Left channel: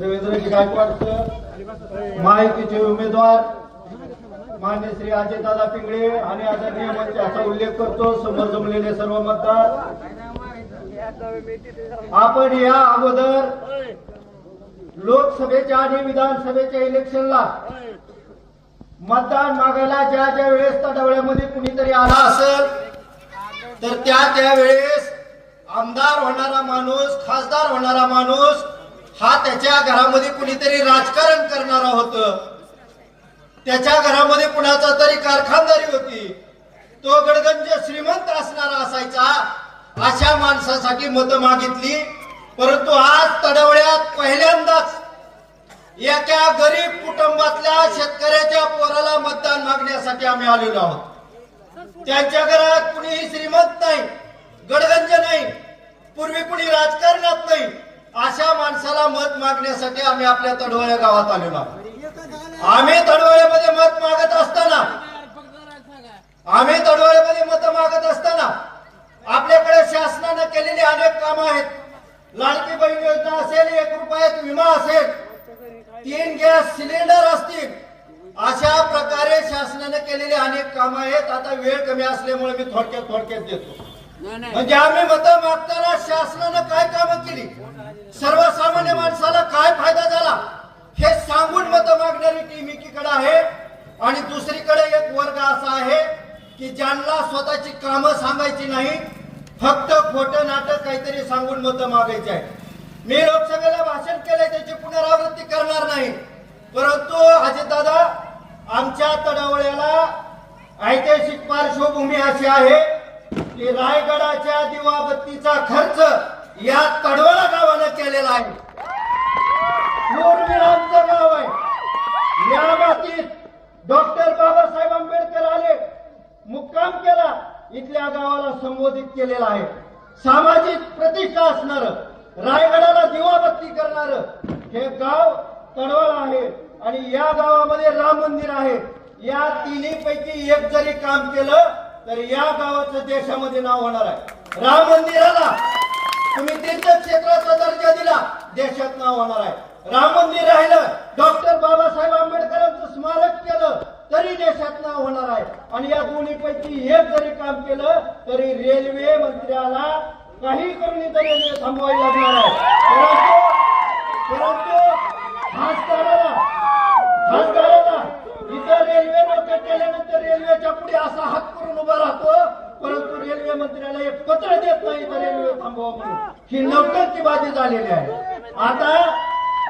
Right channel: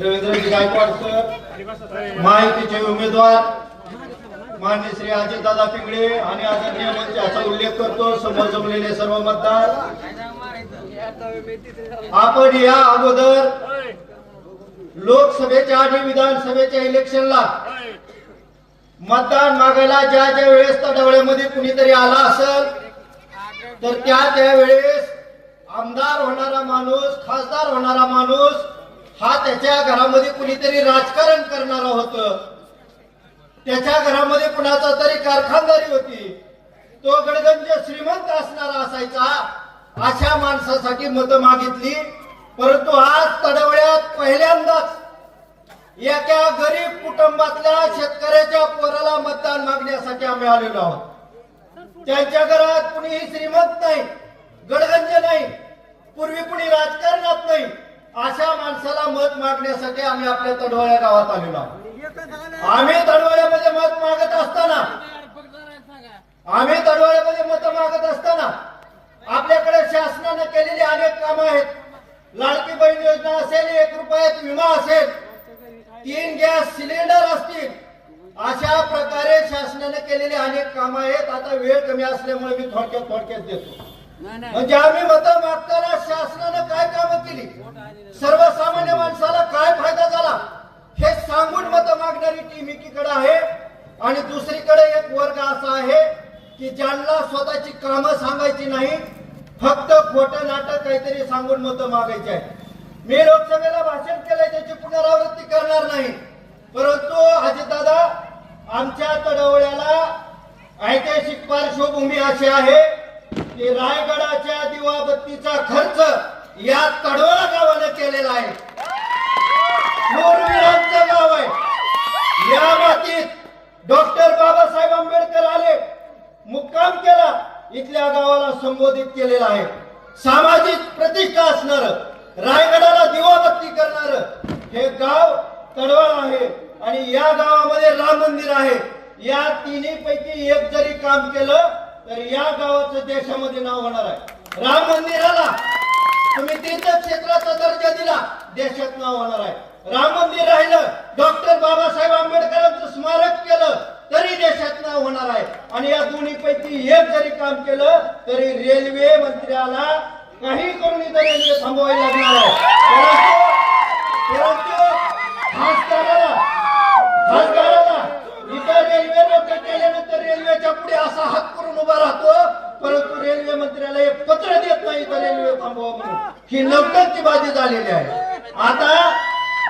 Ravindraji Gaikwad sir माहितीचे उमेदवार मान्य श्री अजितदादा पिंगळे आणि आदरणीय मंचाचा उल्लेख करतो समोर जमलेले सर्व मतदार. आपण या अगोदर लोकसभेच्या आणि विधानसभेच्या इलेक्शनला मतदान मागायला ज्या ज्या वेळेस तडावळ्यामध्ये कुणीतरी आला असेल तर त्या त्या वेळेस आमदार होणारा माणूस खासदार होणारा माणूस हा त्याच्या घरामध्ये कुणीतरी राजकारण करणारा होत. त्याच्या घरामध्ये कुणाचा तरी कारखानदारी होती. तो गडगंज श्रीमंत असणारा असायचा अशा माणसासाठी मतं मागितली. परंतु आज तडवड्यात पहिल्यांदाच एका गरीब कुटुंबातल्या शेतकऱ्याच्या पोराला मतदान मागण्यासाठी आम्ही आलेलो आहोत. त्यांच्या घरात कुणीही श्रीमंत नाही गडगंज नाही. पूर्वी कुणी राजकारणात नाही. अशा माणसाला मत मागण्यासाठी आम्ही आपल्या तडवळ्या गावात आलेलो आहोत. आम्ही तडवळ्यामध्ये मत मागत असताना आम्ही तडवळ्यामध्ये मत मागत असताना आपल्याकडे शासनाने केलेली अनेक कामं आहेत. लाडकी बहीण योजना असेल एक रुपयात विमा असेल तीन गॅस सिलेंडर असतील अशा प्रकारे शासनाने केलेली अनेक कामं आहेत. आता वेळ कमी असल्यामुळे मी थोडक्यात थोडक्यात देतो. म्हणजे आम्ही मत मागताना शासनानं काय कामं केली? सर्वसामान्य माणसाला काय फायदा झाला? हे सांगून मत मागणारी टीम एकीकडे आहे आणि दुसरीकडे एक वर्ग असा आहे की ज्यांना स्वतःची कामं सांगायची नाही फक्त खोटं नाटक काहीतरी सांगून मत मागायची आहे मी लोकसभेला भाषण केलंय त्याची पुनरावृत्ती करणार नाही. परंतु अजितदादा आमच्या तडवळ्याला ऐतिहासिक पार्श्वभूमी अशी आहे की रायगडाच्या दिवाबत्तीचा खर्च या तडवळा गावानं केलेला आहे. शूरवीरांचं गाव आहे. या मातीत डॉक्टर बाबासाहेब आंबेडकर आले मुक्काम केला इथल्या गावाला संबोधित केलेला आहे. सामाजिक प्रतिष्ठा असणार रायगडाला दिवाबत्ती करणार हे गाव तडवळ आहे आणि या गावामध्ये राम मंदिर आहे. या तिन्ही पैकी एक जरी काम केलं तर या गावाचं देशामध्ये नाव होणार आहे. राम मंदिराला तुम्ही तीर्थक्षेत्राचा दर्जा दिला देशात नाव होणार आहे. राम मंदिर राहिलं डॉक्टर बाबासाहेब आंबेडकरांचं स्मारक केलं तरी देशात नाव होणार आहे. आणि या दोन्ही पैकी एक जरी काम केलं तरी रेल्वे मंत्र्याला काही करून इथं रेल्वे थांबवायला लागणार आहे. परंतु परंतु खासदाराला खासदाराला इथं रेल्वे लोक केल्यानंतर रेल्वेच्या पुढे असा हात करून उभा राहतो परंतु मंत्र्याला एक पत्र देत नाही तर रेल्वे थांबवा म्हणून. ही नौटंकीबाजी झालेली आहे. आता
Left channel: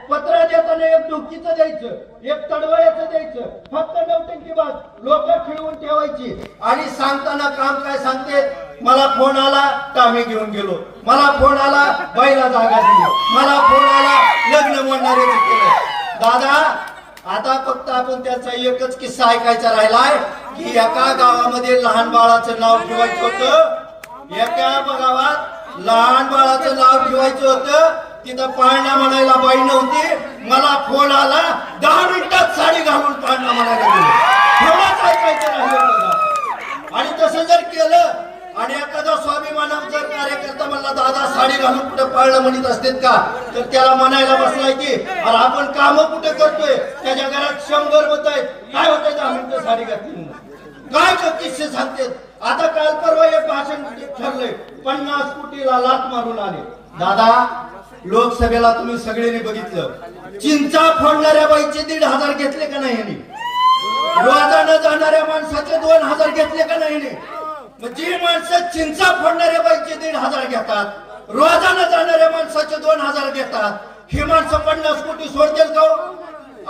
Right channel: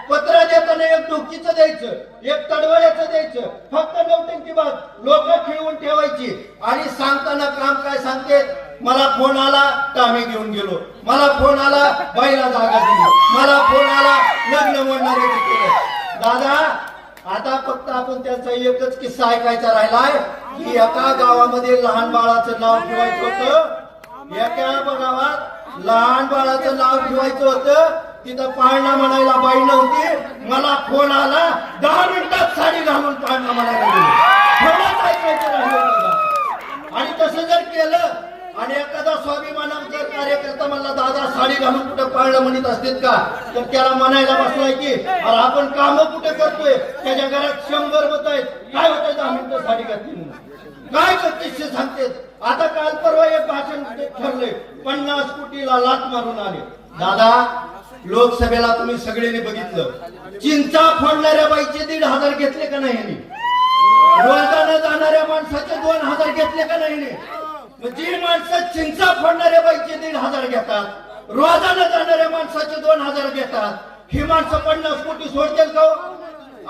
पत्र देताना एक डुकीचं द्यायचं एक तडवळ्याचं द्यायचं फक्त नौटंकीबाज लोक खिळवून ठेवायची. आणि सांगताना काम काय सांगते? मला फोन आला का घेऊन गेलो. मला फोन आला बाईला जागा दिली. मला फोन आला लग्न म्हणणारे केलं दादा आता फक्त आपण त्याचा एकच किस्सा ऐकायचा राहिलाय की एका गावामध्ये लहान बाळाचं नाव ठेवायचं होतं. एका गावात लहान बाळाचं नाव ठेवायचं होतं. तिथं पाळणा म्हणायला बाई नव्हती. मला फोन आला. दहा मिनिटात साडी घालून पाळणा म्हणायला गेलो. थोडाच ऐकायचं नाही आणि तसं जर केलं आणि एखादा स्वाभिमान जर कार्यकर्ता म्हणला दादा साडी घालून कुठं पाळणं म्हणत असतील का? तर त्याला म्हणायला बसलाय की अरे आपण काम कुठे करतोय? त्याच्या घरात शंभर होत आहेत. काय होत दहा मिनिटं साडी घातली काय करते सांगते सांगतेत? आता काल परवा एक भाषण ठरलंय पन्नास कोटीला लाट मारून आले. दादा लोकसभेला तुम्ही सगळ्यांनी बघितलं. चिंचा फोडणाऱ्या बाईचे दीड हजार घेतले का नाही यांनी? रोजानं जाणाऱ्या माणसाचे दोन हजार घेतले का नाही जी माणसं चिंचा फोडणाऱ्या बाईचे दीड हजार घेतात रोजानं जाणाऱ्या माणसाचे दोन हजार घेतात ही माणसं पन्नास कोटी सोडतील का हो?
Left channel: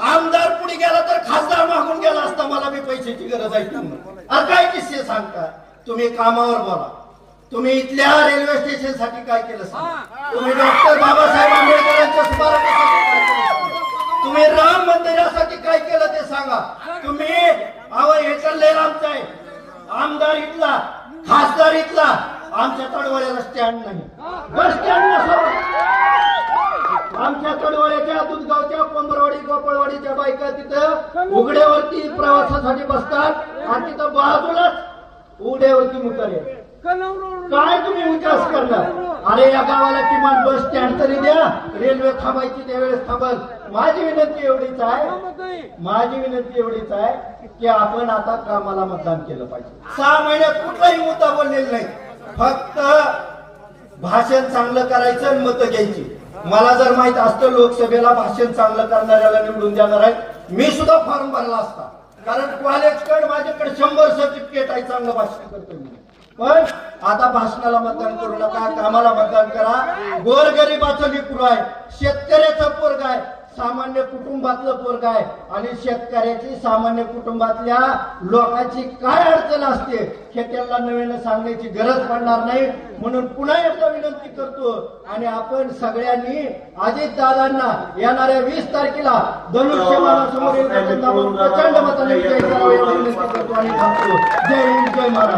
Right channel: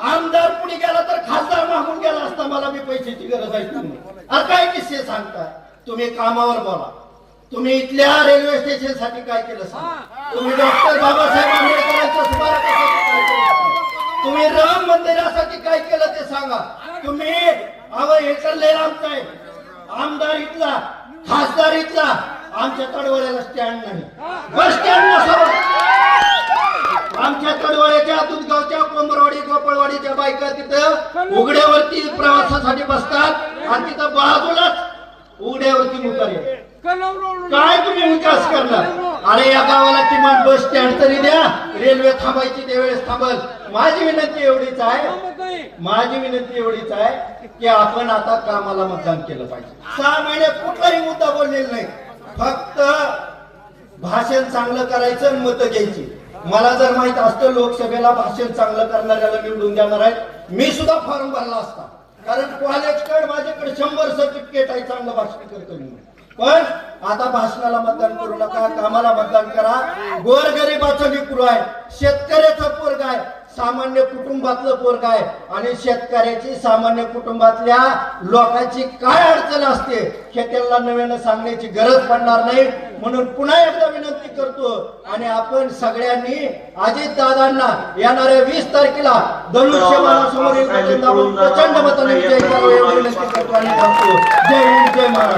आमदार पुढे गेला तर खासदार मागून गेला असता मला बी पैशाची गरज आहे म्हणून. काय किस्से सांगता? तुम्ही कामावर बोला. तुम्ही इथल्या रेल्वे स्टेशनसाठी काय केलं सांगा तुम्ही डॉक्टर बाबासाहेब आंबेडकरांच्या स्मारकासाठी काय केलं तुम्ही राम मंदिरासाठी काय केलं ते सांगा. तुम्ही आमचं आहे. आमदार इथला खासदार इथला. आमच्या तडवड्याला स्टँड नाही. बस स्टँड नसावं आमच्या तडवळ्याच्या दुधगावच्या कोंबरवाडी गोपाळवाडीच्या बायका तिथं उघड्यावरती प्रवासासाठी बसतात. आणि तिथं बाजूलाच उड्यावरती मुतार काय तुम्ही विकास करणार? अरे या गावाला किमान बस स्टँड तरी द्या. रेल्वे थांबायची त्यावेळेस थांबल. माझी विनंती एवढीच आहे. माझी विनंती एवढीच आहे की आपण आता कामाला मतदान केलं पाहिजे. सहा महिन्यात कुठलाही मुद्दा बोललेला नाही. फक्त भाषण चांगलं करायचं आणि मतं घ्यायची. मला जर माहीत असतं लोकसभेला भाषण चांगलं करणाऱ्याला निवडून देणार आहे मी सुद्धा फॉर्म भरला असता. कारण कॉलेजकडे माझ्याकडे शंभर सर्टिफिकेट आहे चांगलं भाषण करतो मी. पण आता भाषणाला मतदान करू नका कामाला मतदान करा. गोरगरिबाचं लेकरू आहे. शेतकऱ्याचं पोरग आहे. सामान्य कुटुंबातलं पोरग आहे. आणि शेतकऱ्याची सामान्य कुटुंबातल्या लोकांची काय अडचण असते हे त्यांना नव्यानं सांगण्याची गरज पडणार नाही. म्हणून पुन्हा एकदा विनंती करतो आणि आपण सगळ्यांनी अजित दादांना येणाऱ्या वीस तारखेला धनुष्यबाणासमोरील प्रचंड मताने विजयी करावे एवढी विनंती करतो आणि थांबतो. जय हिंद जय महाराज